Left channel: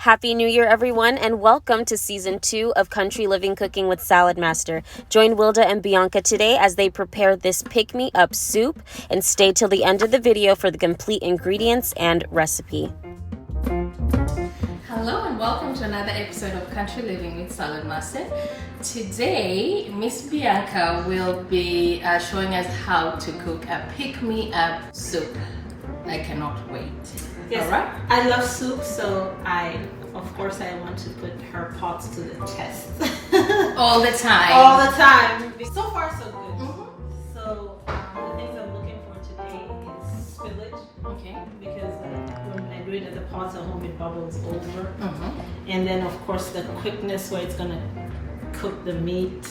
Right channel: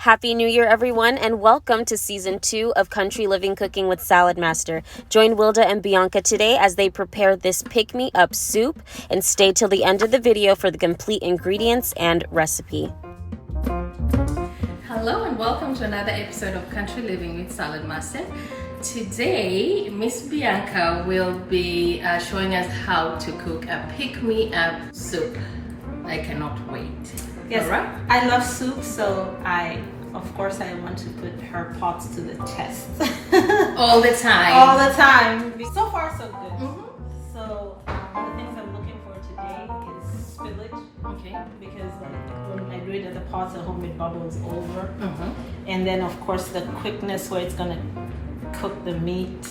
Happy New Year, everyone, and welcome to Season 2 of Country Living Cooking with Saladmaster. Join Wilda and Bianca today as they prepare this pick-me-up soup, and stay till the end of the video for the complete ingredients and recipe. Hello and welcome to another episode of Country Living with Saladmaster. Today, Miss Bianca will be showing us how to cook a pick-me-up soup. I cannot wait. Yes, all right. I love soup, so of course I want to put her pots to the test. All the time. All the time. So far, so good. So the things I'm looking for today is spillage. Okay. Because when I do it at the pots at home, it bubbles over. And then of course the quickness where it's gonna cook the meat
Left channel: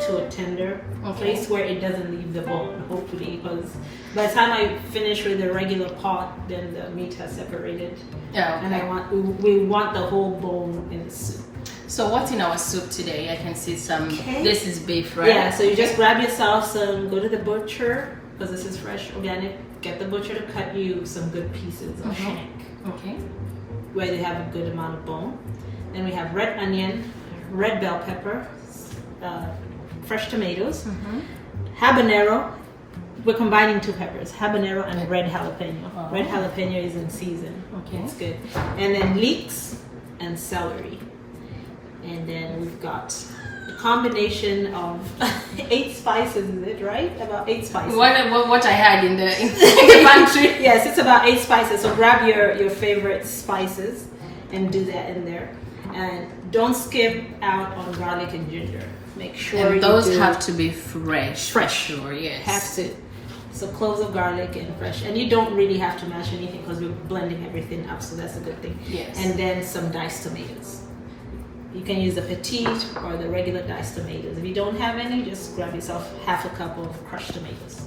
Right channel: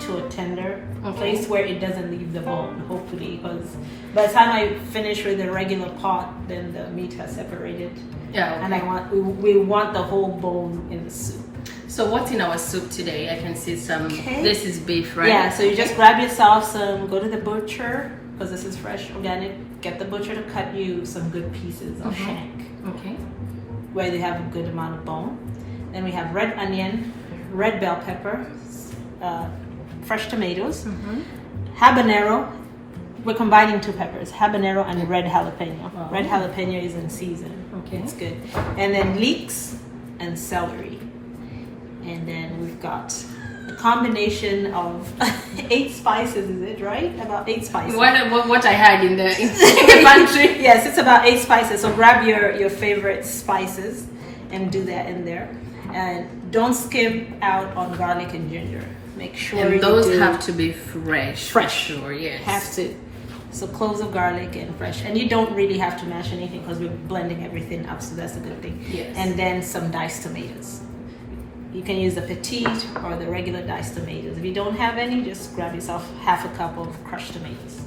to a tender place where it doesn't leave the bone, hopefully, because by the time I finish with the regular pot, then the meat has separated. Yeah. Okay. And we want the whole bone in the soup. So what's in our soup today? I can see some. This is beef, right? Yeah. So you just grab yourself some. Go to the butcher, because this is fresh, organic. Get the butcher to cut you some good pieces of shank. Okay. Where they have a good amount of bone. Then we have red onion, red bell pepper, fresh tomatoes, habanero. We're combining two peppers, habanero and red jalapeno. Oh. Red jalapeno is in season. Okay. It's good. And then leeks and celery. And then we've got a combination of 8 spices, is it right? About 8 spices. What I had in the pantry. Yes, it's about 8 spices. So grab your favorite spices and do that in there. And don't skip out on garlic and ginger. Make sure And those you have to be fresh. fresh. Sure, yes. Have to. So cloves of garlic and fresh. And you don't really have to mash anything because we're blending everything up, so that's a good thing. Yes. And then some diced tomatoes. You can use the petite or the regular diced tomatoes. If you don't have any, just grab yourself half a cup of crushed tomatoes.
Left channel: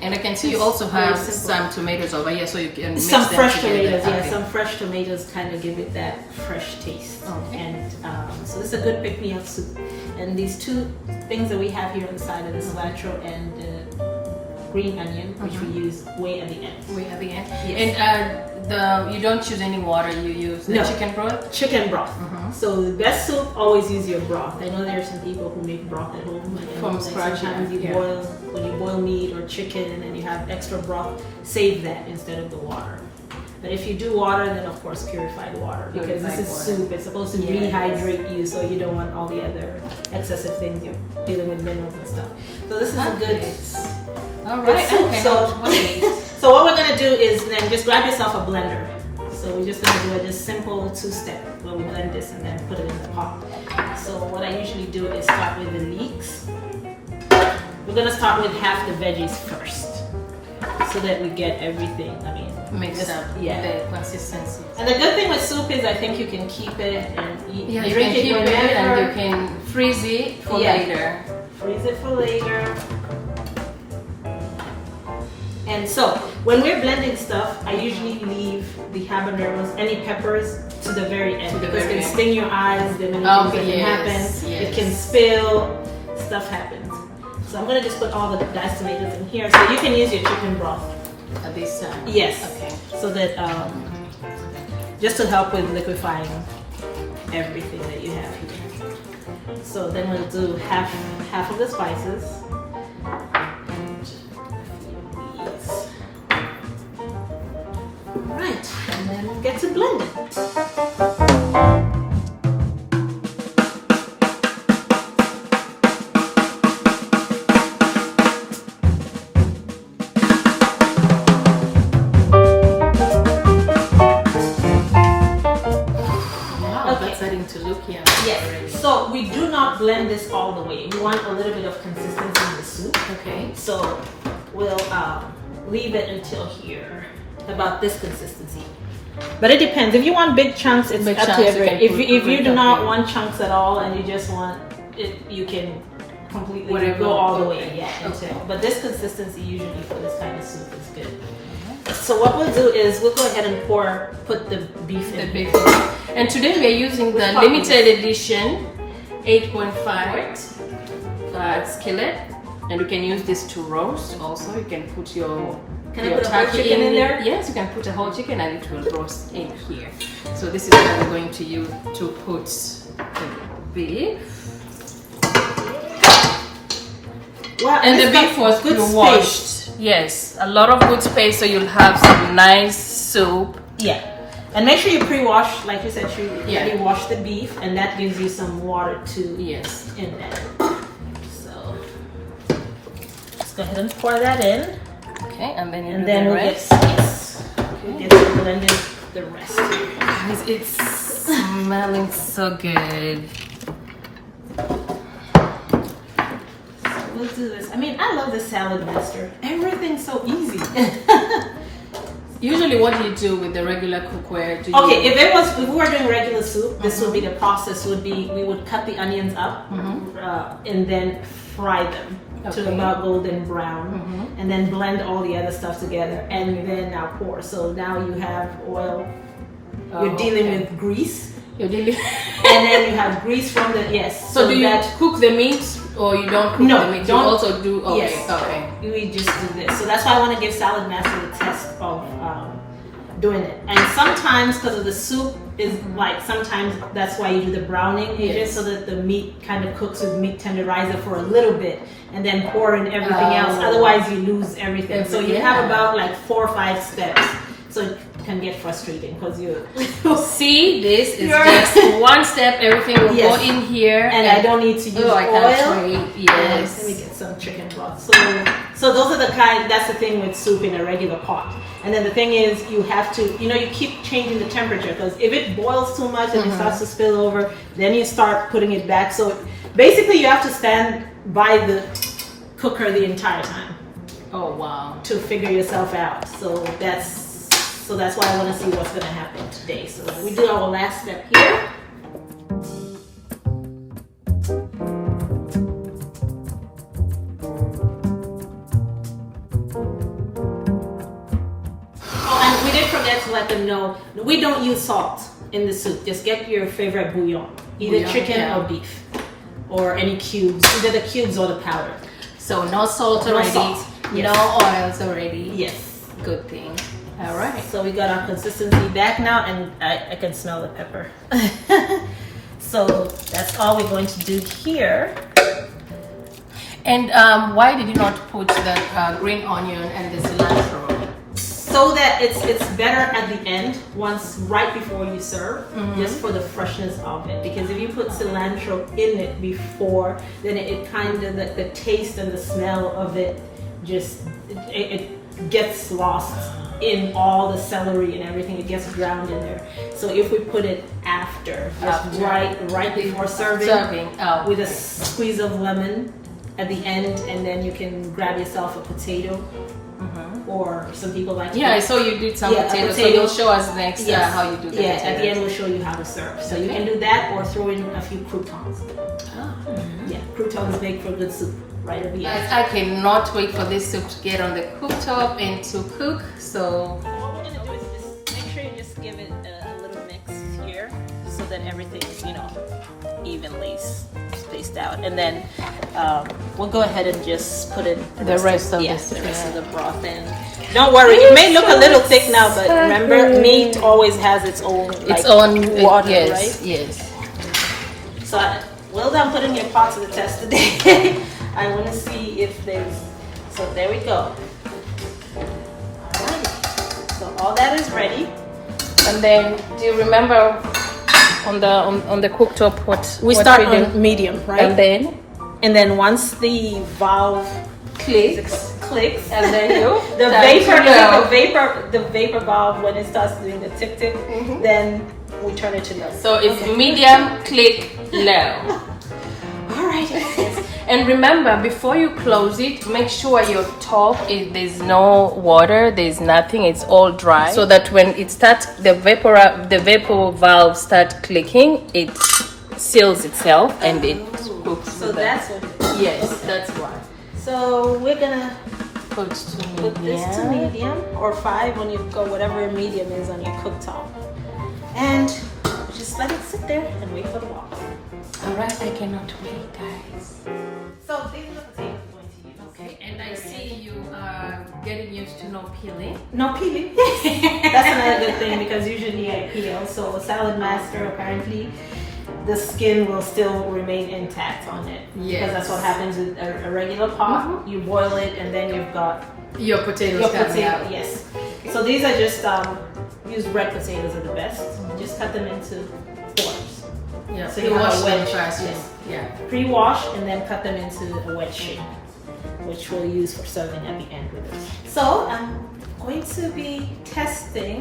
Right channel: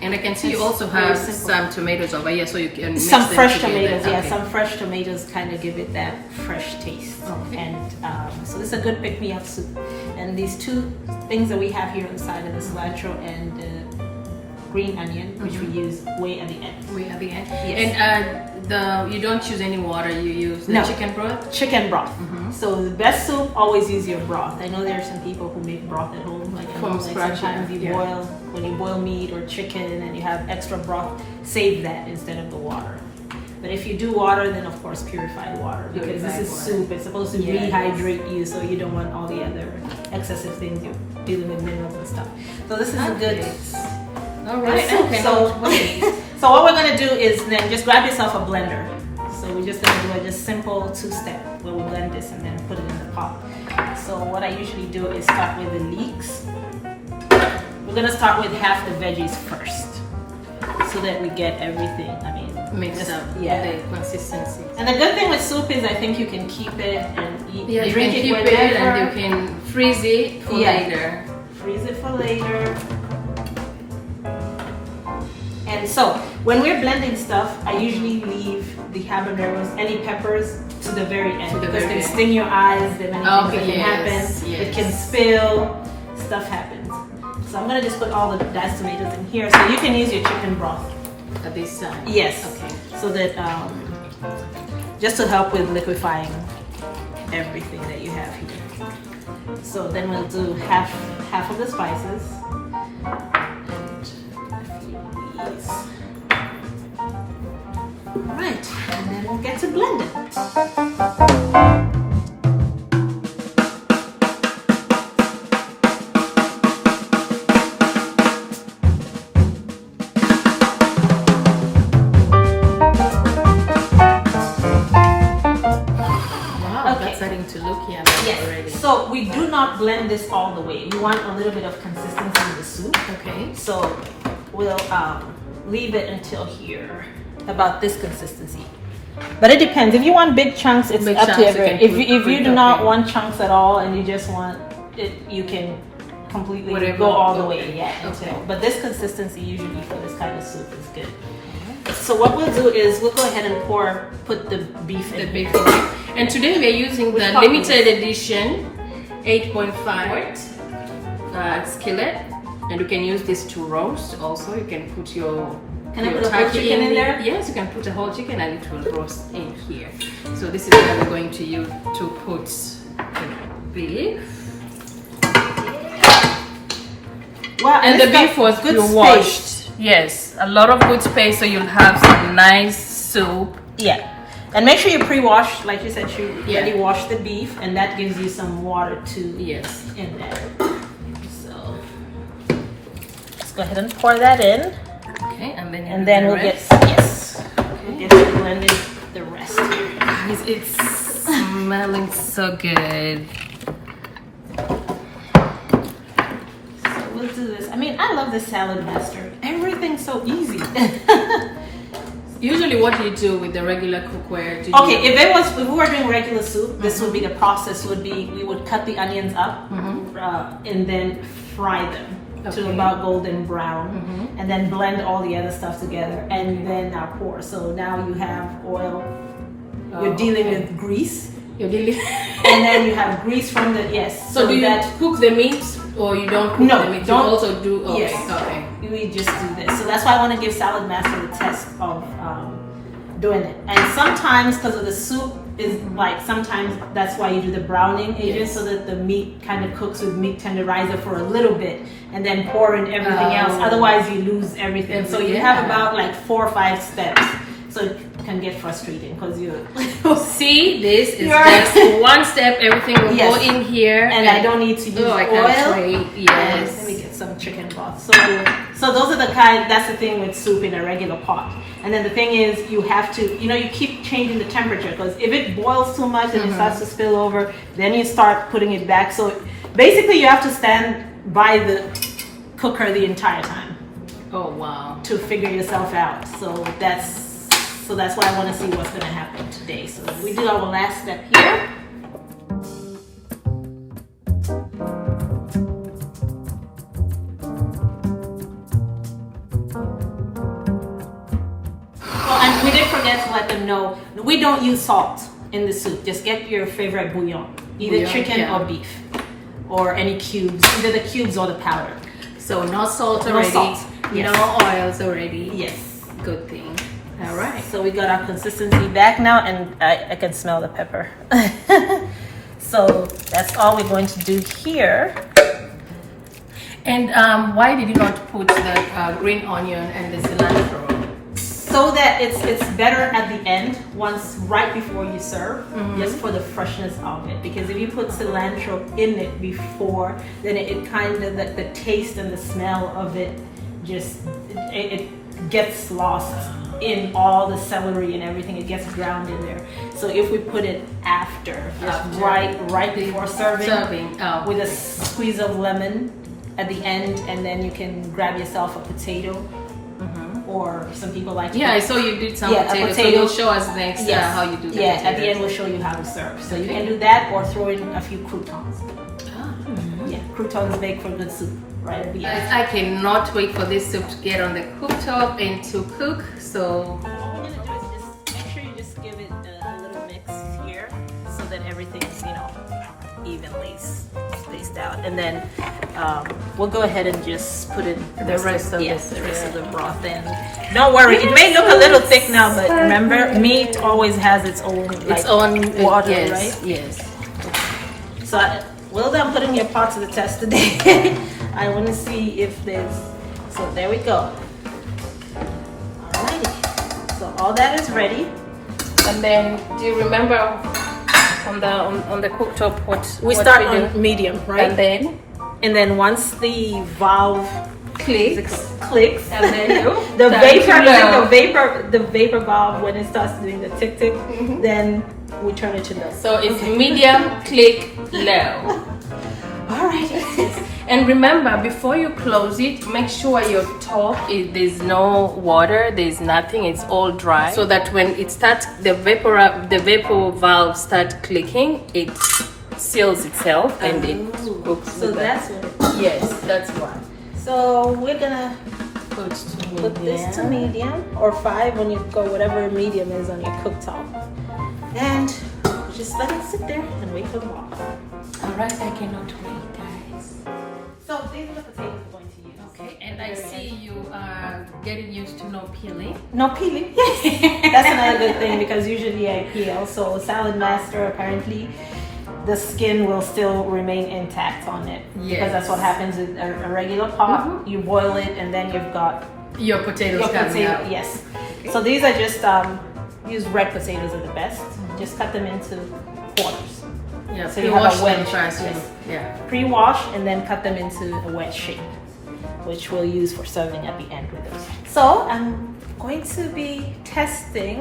And I can see you also Very have simple. some tomatoes over here, so you can mix Some them fresh together. tomatoes, yeah. Okay. Some fresh tomatoes kind of give it that fresh taste. Okay. And so this is a good pick-me-up soup. And these 2 things that we have here on the side of the cilantro and green onion, which we use way at the end. We at the end. Yes. And you don't use any water. You use the chicken broth. Chicken broth. So the best soup, always use your broth. I know there are some people who make broth at home. Like From scratch, sometimes you yeah. boil, when you boil meat or chicken and you have extra broth, save that instead of the water. But if you do water, then of course purify the water, because this is soup. It's supposed to rehydrate you, so you don't want all the other excessive things. You're dealing with minerals and stuff. So this is a good. All Good right. soup. Okay. So what we're gonna do is then just grab yourself a blender. So we're just gonna do a just simple 2-step where we blend this and then put it in the pot. So what I usually do is start with the leeks. We're gonna start with half the veggies first, so that we get everything. I mean, Mixed up. Yeah. The consistency. And the good thing with soup is I think you can keep it and eat. Yeah, you drink can keep whenever. it and you can freeze it for later. Freeze it for later. And so, when we're blending stuff, I usually leave the habaneros, any peppers, to the very end, To the because it very can end. sting your eyes. There are many things that can happen. Yes. It can spill. Stuff happens. So I'm gonna just put all the diced tomatoes in here. So you can use your chicken broth. At this time. Yes. Okay. So that just to help with liquefying everything that you have here. So then we'll do half of the spices. Right, and then we'll get to blend it. Wow, Okay. that's starting to look yummy already. So we do not blend this all the way. We want a little bit of consistency in the soup. Okay. So we'll leave it until here, about this consistency. But it depends. If you want big chunks, it's Big up to chunks, your grade. you can If you put do up, not yeah. want chunks at all and you just want it, you can completely Whatever. go all the way. Yeah, Okay. until. But this consistency usually for this kind of soup is good. So what we'll do is we'll go ahead and put the beef in here. And today we are using Which the part limited edition 8.5 skillet, and you can use this to roast. Also, you can put your Can I put a whole chicken in there? Yes, you can put a whole chicken and it will roast in here. So this is what we're going to use to put the beef. Wow, And the beef was good washed. Yes, a lot of good space, so you'll have some nice soup. Yeah. And make sure you pre-wash, like you said, you already wash the beef, and that gives you some water too. Yes. In there. So let's go ahead and pour that in. Okay, and then we'll get we'll get to blending the rest here. Guys, it's smelling so good. So we'll do this. I mean, I love the Saladmaster. Everything's so easy. Usually, what do you do with the regular cookware? If we were doing regular soup, this would be the process. Would be we would cut the onions up and then fry them to about golden brown, and then blend all the other stuff together, and then now pour. So now you have oil. You're dealing with grease. You're dealing, and then you have grease from the So do you cook the meat, or you don't cook the meat? Don't you also do. Okay. Yes. Okay. We just do this. So that's why I want to give Saladmaster the test of doing it. And sometimes, because of the soup, is like sometimes that's why you do the browning agent, so that the meat kind of cooks with meat tenderizer for a little bit, and then pour in everything else. Otherwise, you lose everything. So you have about like 4 or 5 steps. So it can get frustrating because you see this is just one step. Everything will go in here, and I don't need to use oil. Yes. Let me get some chicken broth. So those are the that's the thing with soup in a regular pot. And then the thing is, you have to, you keep changing the temperature, because if it boils too much and it starts to spill over, then you start putting it back. So basically, you have to stand by the cooker the entire time. Oh wow! To figure yourself out. So that's why I want to see what's going to happen today. So we do our last step here. And we did forget to let them know, we don't use salt in the soup. Just get your favorite bouillon, either chicken or beef, or any cubes, either the cubes or the powder. So no salt already, no oils already. Yes. Good thing. All right. So we got our consistency back now, and I can smell the pepper. So that's all we're going to do here. And why did you not put the green onion and the cilantro? So that it's better at the end, right before you serve, just for the freshness of it. Because if you put cilantro in it before, then it kind of, like the taste and the smell of it, just it gets lost in all the celery and everything. It gets drowned in there. So if we put it after, right before serving with a squeeze of lemon at the end, and then you can grab yourself a potato. Or some people like to I saw you did some potatoes, so you'll show us next how you do that. Yeah, at the end we'll show you how to serve. So you can do that, or throw in a few croutons. Yeah, croutons make for good soup right at the end. I cannot wait for this soup to get on the cooktop and to cook. So what we're gonna do is just make sure you just give it a little mix here, so that everything's evenly spaced out, and then we'll go ahead and just put in the rest of the broth in. Don't worry, it may look a little thick now, but remember, meat always has its own water, right? Yes. So well done putting your pot to the test today. I want to see if there's. So there we go. Alrighty. So all that is ready. And then, do you remember on the cooktop what we start on medium, right? And then once the valve clicks, and then the vapor valve, when it starts doing the tick tick, then we turn it to low. So it's medium, click, low. Alright. And remember, before you close it, make sure your top there's no water, there's nothing, it's all dry, so that when it starts, the vapor valve start clicking, it seals itself and it cooks. So that's what it is. Yes, that's why. So we're gonna put this to medium, or 5 when you go whatever medium is on your cooktop, and just let it sit there and wait for the water. Alright, I cannot wait, guys. So these are the potatoes we're going to use. Okay, and I see you are getting used to no peeling. No peeling. That's another good thing because usually I peel. So Saladmaster, apparently the skin will still remain intact on it. Yes. Because that's what happens with a regular pot. You boil it and then you've got Your potatoes coming out. Yes. Okay. So these are just use red potatoes are the best. Just cut them into quarters. Yeah, So you have pre-wash a wedge. them first. Yes. Yeah. Pre-wash and then cut them into a wedge shape, which we'll use for serving at the end with it. So I'm going to be testing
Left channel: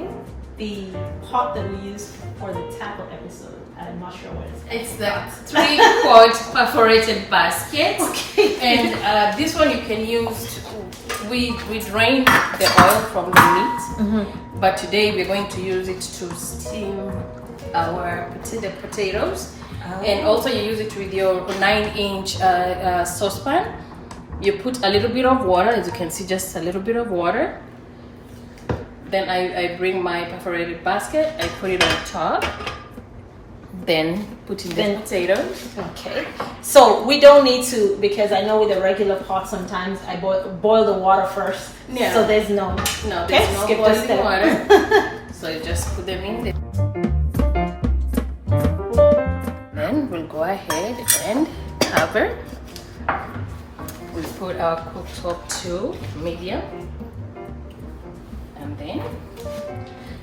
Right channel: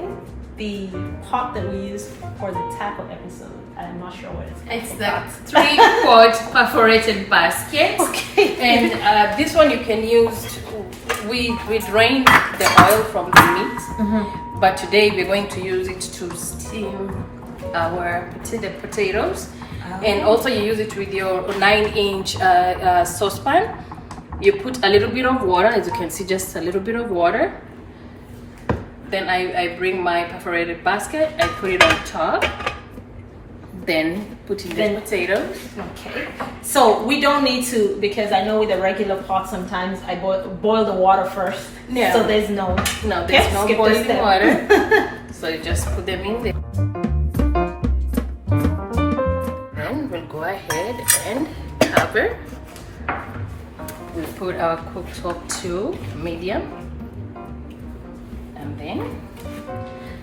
the pot that we used for the taco episode. I'm not sure what it's It's the 3-quart perforated basket. Okay. And this one you can use. We drain the oil from the meat, but today we're going to use it to steam our potatoes. And also you use it with your 9-inch saucepan. You put a little bit of water, as you can see, just a little bit of water. Then I bring my perforated basket, I put it on top, then put in the potatoes. Okay. So we don't need to, because I know with a regular pot sometimes I boil the water first. Yeah. So there's no There's no skip boiling this water. So you just put them in there. Then we'll go ahead and cover. We'll put our cooktop to medium. And then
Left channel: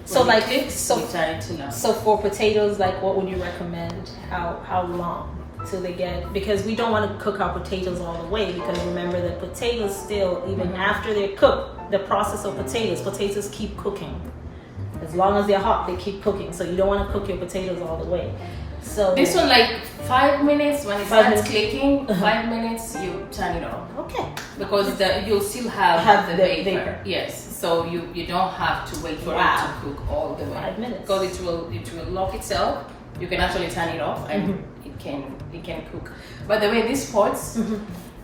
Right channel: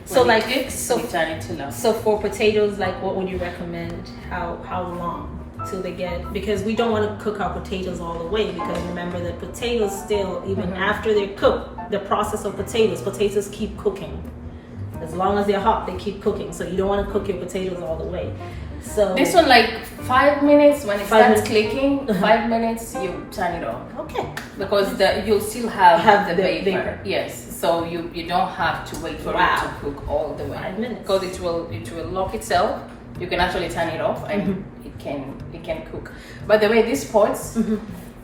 So when like it cooks, we turn it to low. So for potatoes, like what would you recommend? How long till they get? Because we don't want to cook our potatoes all the way. Because remember that potatoes still, even after they're cooked, the process of potatoes keep cooking. As long as they're hot, they keep cooking. So you don't want to cook your potatoes all the way. So This one, like 5 minutes, when it 5 starts minutes. clicking, 5 minutes, you turn it off. Okay. Because you'll still have the vapor. vapor. Yes. So you don't have to wait for it to cook all the way. 5 minutes. Because it will lock itself. You can actually turn it off and it can cook. By the way, these pots,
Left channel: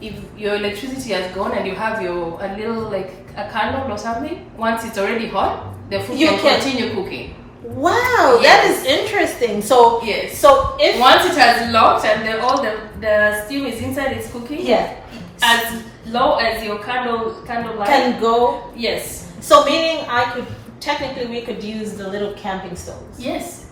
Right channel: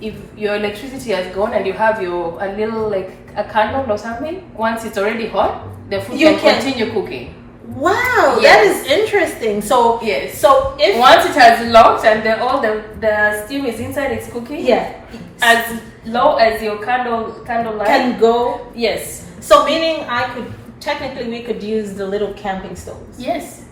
if your electricity has gone and you have a little like a candle or something, once it's already hot, the food can continue cooking. Wow, Yes. that is interesting. So Yes. So if Once it has locked and all the steam is inside, it's cooking. yeah, As low as your candle light. can go. Yes. So meaning we could use the little camping stoves. Yes.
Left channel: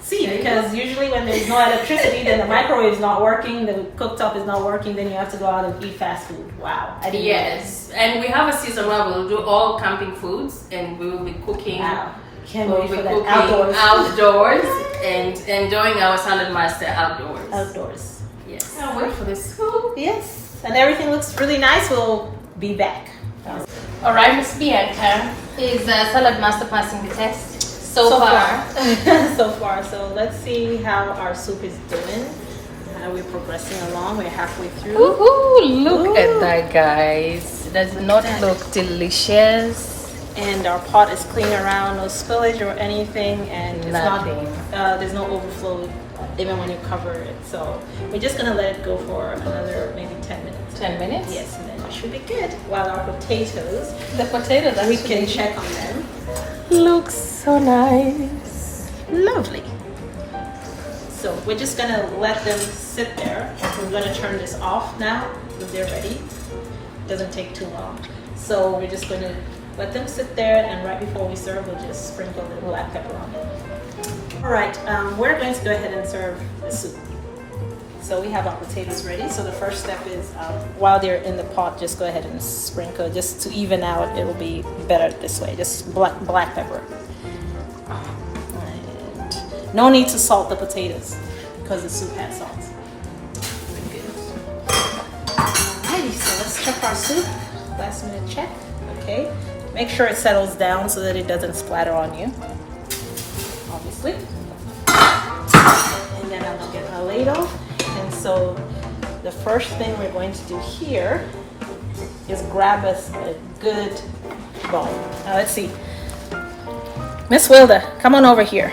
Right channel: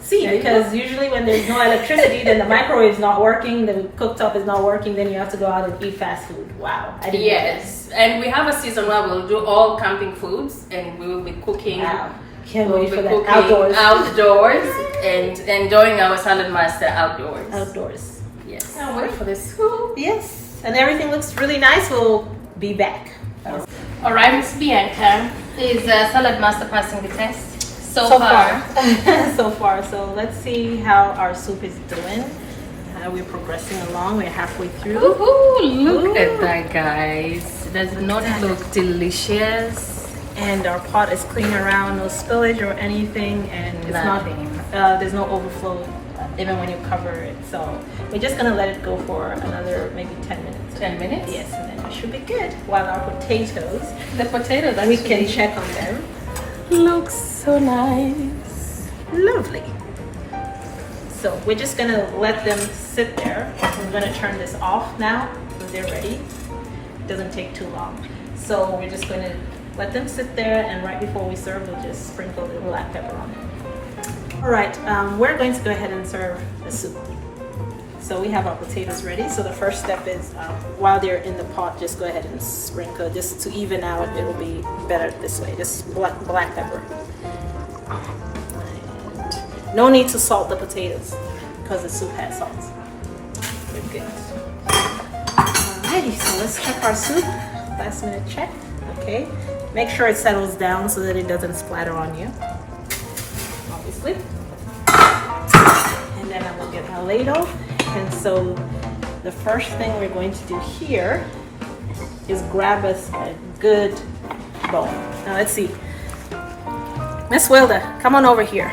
See, There you because usually when there's no electricity, then the microwave's not working, the cooktop is not working, then you have to go out and eat fast food. Wow, I didn't know Yes. And we have a season where we'll do all camping foods and we will be cooking. that. Wow, can't We'll wait be for that. cooking outdoors and enjoying our Saladmaster outdoors. Outdoors. Yes. I'll wait for this. Woo. Yes, and everything looks really nice. We'll be back. All right, Miss Bianca. Is Saladmaster passing the test? So far. So far. So let's see how our soup is doing. How we're progressing along. We're halfway through. Ooh, look Ooh. at that, guys. Does not look delicious? And our pot is clean around, no spillage or anything, and it's Nothing. not. There's no overflow even when you cover it. So we're just gonna let it go for another maybe 10 minutes. 10 minutes? Yes, and then it should be good. While our potatoes, The potato, we can check on them. looks so nice. Lovely. So we're just gonna let them sit there. I'm gonna turn this off now because they're ready. Doesn't take too long. So we're just gonna let them sit there, and right before we serve, we'll just sprinkle the black pepper on them. All right, we're going to go ahead and serve the soup. So we have our potatoes ready. So the first step is while they're in the pot, just go ahead and sprinkle, just to even out. It will be better this way. Just black pepper. And no need to salt the potatoes because the soup has salt. We're good. Alrighty, so let's check our soup. Last minute check. Okay. Make sure it settles down so that it doesn't splatter on you. Obviously. And then I'm gonna get my ladle. And so the first thing we're going to do here is grab us a good bowl. Now let's see. Miss Wilda, come on over here.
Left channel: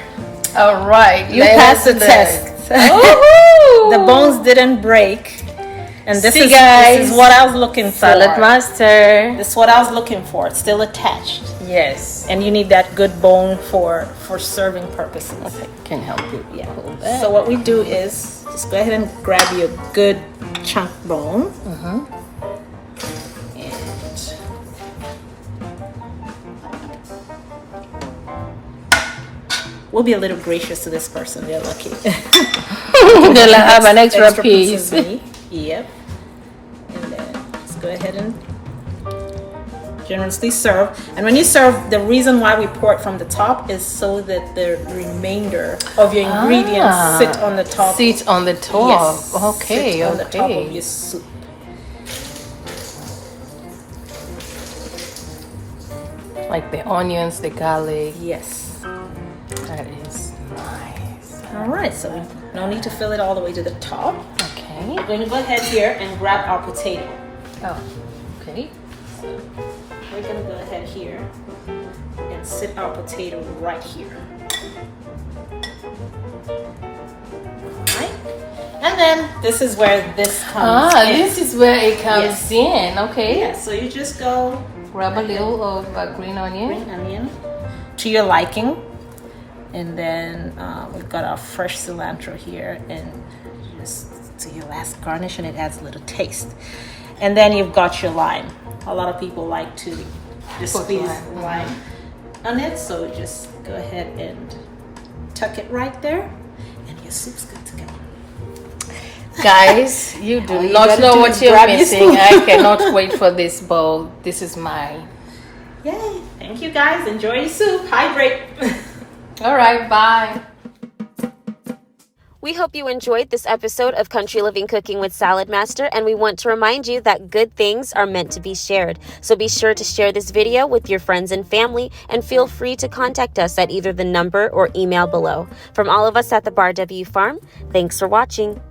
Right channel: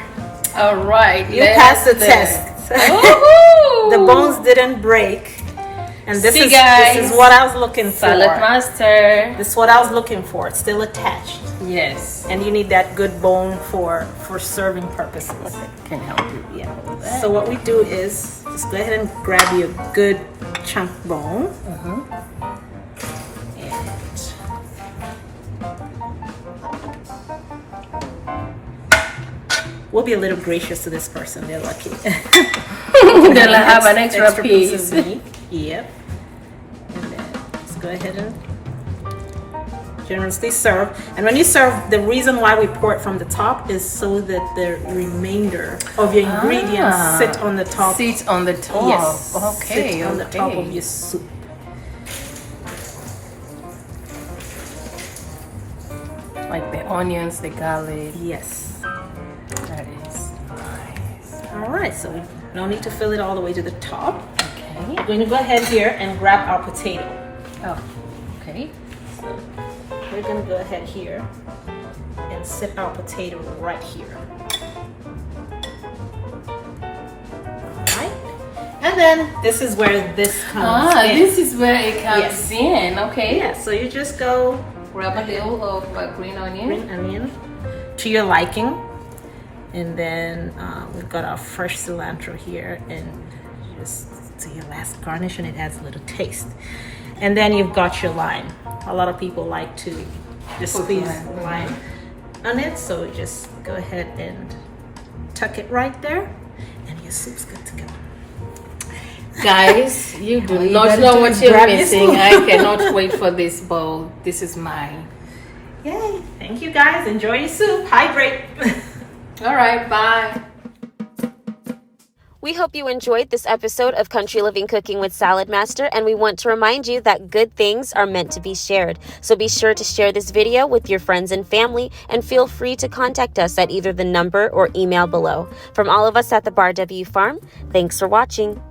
All right. You passed the test. The bones didn't break. And this See, is guys. what I was looking for. Saladmaster. This is what I was looking for. It's still attached. Yes. And you need that good bone for serving purposes. Can help it. Yeah. So what we do is just go ahead and grab you a good chunk bone. We'll be a little gracious to this person. They're lucky. They'll have an extra piece. Yep. And then let's go ahead and generously serve. And when you serve, the reason why we pour it from the top is so that the remainder of your ingredients sit on the top. Sit on the top. Yes. Okay. Sit on the top of your soup. Like the onions, the garlic. Yes. That is nice. All right, so no need to fill it all the way to the top. Okay. We're going to go ahead here and grab our potato. Oh, okay. We're going to go ahead here and sit our potato right here. Alright. And then this is where this comes in. This is where it comes in. Okay. Yeah, so you just go Grab a little of green onion. green onion to your liking. And then we've got our fresh cilantro here, and just to your last garnish, and it adds a little taste. And then you've got your lime. A lot of people like to just squeeze lime on it, so just go ahead and tuck it right there, and your soup's good to go. Guys, you do You not gotta know do what is you're grab your missing. spoon. I cannot wait for this bowl. This is mine. Yay! Thank you guys. Enjoy your soup. Hydrate. All right, bye. We hope you enjoyed this episode of Country Living Cooking with Saladmaster, and we want to remind you that good things are meant to be shared. So be sure to share this video with your friends and family, and feel free to contact us at either the number or email below. From all of us at the Bar W Farm, thanks for watching.